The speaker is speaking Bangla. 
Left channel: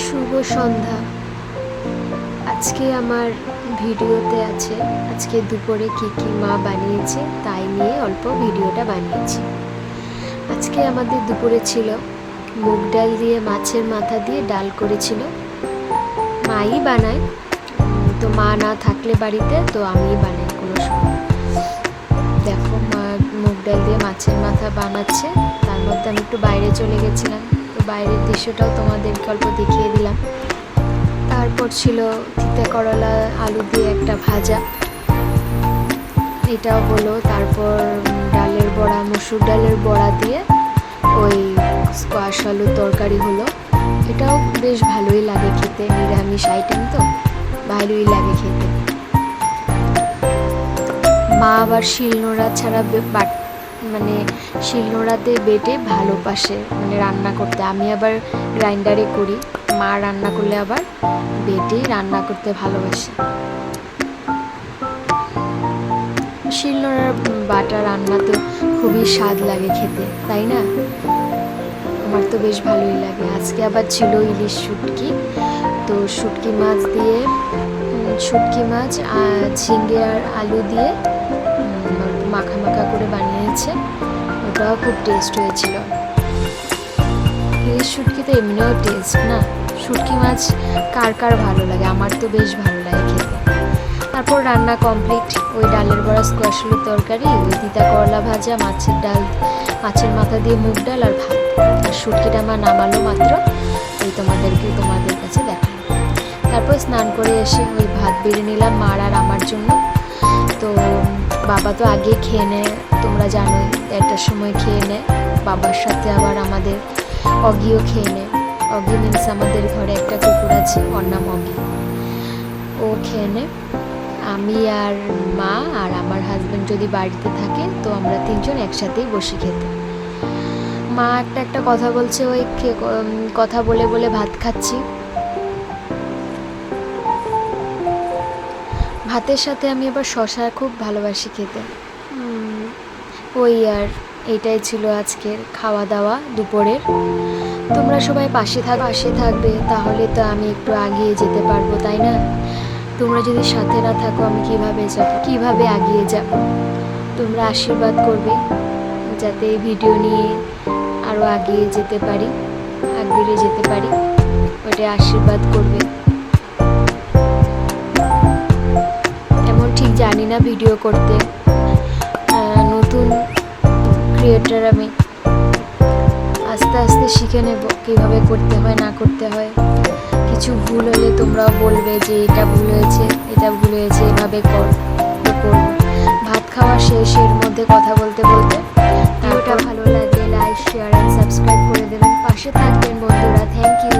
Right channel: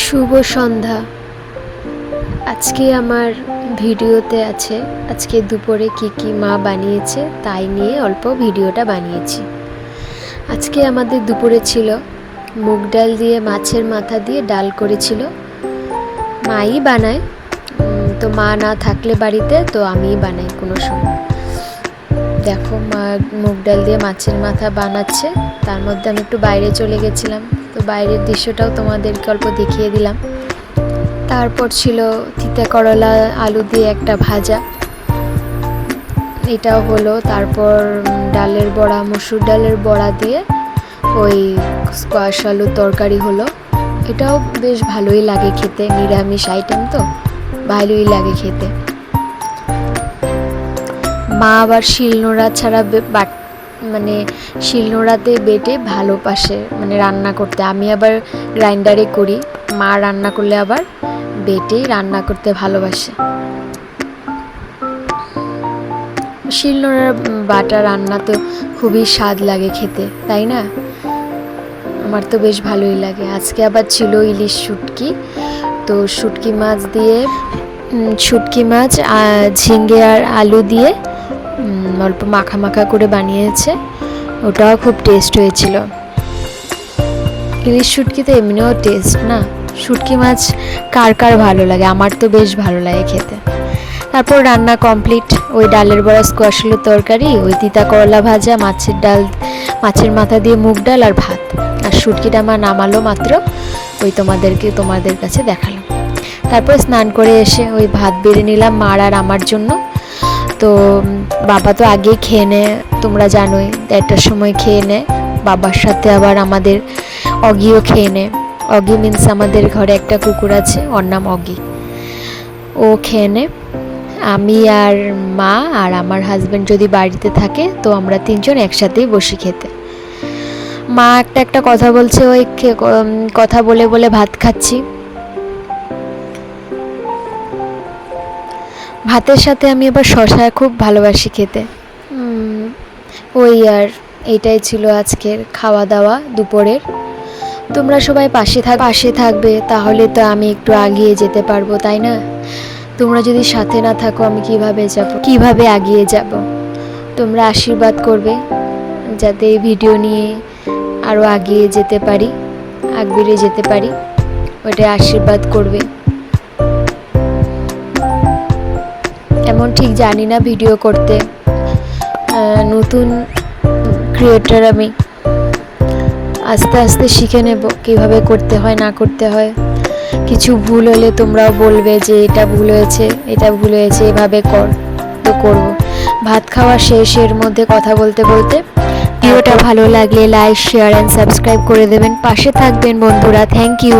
শুভ সন্ধ্যা। আজকে আমার ভিডিওতে আছে আজকে দুপুরে কি মা বানিয়েছে তাই নিয়ে অল্প ভিডিওটা বানিয়েছি। আজকে আমাদের দুপুরে ছিল মুগ ডাল দিয়ে মাছের মাথা দিয়ে ডাল করেছিল। মাই বানায়, তো মা না থাকলে বাড়িতে তো আমিই বানাই কোনো সময়। দেখো মা মুগ ডাল দিয়ে মাছের মাথা বানাচ্ছে, তার মধ্যে আমি একটু বাইরে চলে গেছিলাম, তো বাইরের দৃশ্যটাও তোমাদেরকে অল্প দেখিয়ে দিলাম। তারপর ছিল তিতা করলা আলু দিয়ে একটা ভাজা, এটাও হলো। তারপর ডালের বড়া, মসুর ডালের বড়া দিয়ে ওই স্কোয়াশ আলুর তরকারি হলো। এটাও বেশ ভালোই লাগে খেতে, নিরামিষ আইটেম তো ভালোই লাগে খেতে। মা আবার শিলনোড়া ছাড়া মানে শিলনোড়াতে বেটে ভালোবাসে মানে রান্না করতে। আমি আবার গ্রাইন্ডারে করি, মা রান্না করলে আবার বেটেই রান্না করতে ভালোবাসে। শিলনোড়ার বাটা রান্না তো খুবই স্বাদ লাগে খেতে, তাই না? আমার তো বেশ ভালোই লাগে। আজকে আবার ছিল ইলিশ শুটকি, তো শুটকি মাছ দিয়ে শুটকি মাছ ঝিঙ্গে আর আলু দিয়ে অল্প মাখা মাখা করে বানিয়েছে, ওটাও খুব টেস্ট হয়েছিল। ইলিশ শুটকি তো এমনিও টেস্ট না, শুটকি মাছ কার কার ভালো লাগে, আমার তো বেশ ভালো লাগে খেতে। তারপর রান্না কমপ্লিট, ওই ডালের বড়া, স্কোয়াশ আলুর তরকারি, ওই তিতা করলা ভাজা, মাছের ডাল, মাছের মাথা দিয়ে মুগ ডাল আর ভাত। আর শুটকিটা আমার নামালো মাত্র, ওই তোমাদের কাছে দেখালো। তারপর স্নান করে এসে ওই ভাত বেড়ে নিলাম মার আর আমার জন্য। তো বাবা তো আগে খেয়ে নেয়, তোমরা জানোই, 1টার সময় খেয়ে নেয়। বাবার সাথে আবার আমাদের অগিও খেয়ে নেয়। অগি মিন্স আমাদের ঘরে একটা কুকুর আছে, ওর নাম অগি, ও খেয়ে নেয়। আমি আর মা আর আমার হাজব্যান্ড যদি বাড়িতে থাকে তো আমরা 3জন একসাথেই বসি খেতে। মা একটা কথা বলছে, ওই কথা বলে বলে ভাত খাচ্ছি। ভাতের সাথে আমি আবার শসা খুব ভালোবাসি খেতে। ওই আর এইটাই ছিল আজকের খাওয়া দাওয়া দুপুরের। তোমরা সবাই পাশে থাকবে, তাহলে তো আমি একটু এগিয়ে যেতে পারবো, তাই না? তোমরা যদি সাথে না থাকো আমি কিভাবে এগিয়ে যাব? তোমরা আশীর্বাদ করবে যাতে এই ভিডিও নিয়ে আরও এগিয়ে যেতে পারি, ওইটা আশীর্বাদ করবে। এমন ঠিক জানি না ভিডিও করতে, নতুন ক্রিয়েটর আমি, আস্তে আস্তে শিখে নেব কীভাবে করতে হয় না করতে হয়। কিছু ভুল হলে তোমরাও বলবে যে এটা ভুল হয়েছে, এভাবে তো করব। ভাত খাওয়া শেষের মধ্যে কথা বলতে বলতে, ভিডিওটা ভালো লাগলে লাইক, শেয়ার অ্যান্ড সাবস্ক্রাইব করে দেবেন, পাশে থাকবেন বন্ধুরা। Thank you.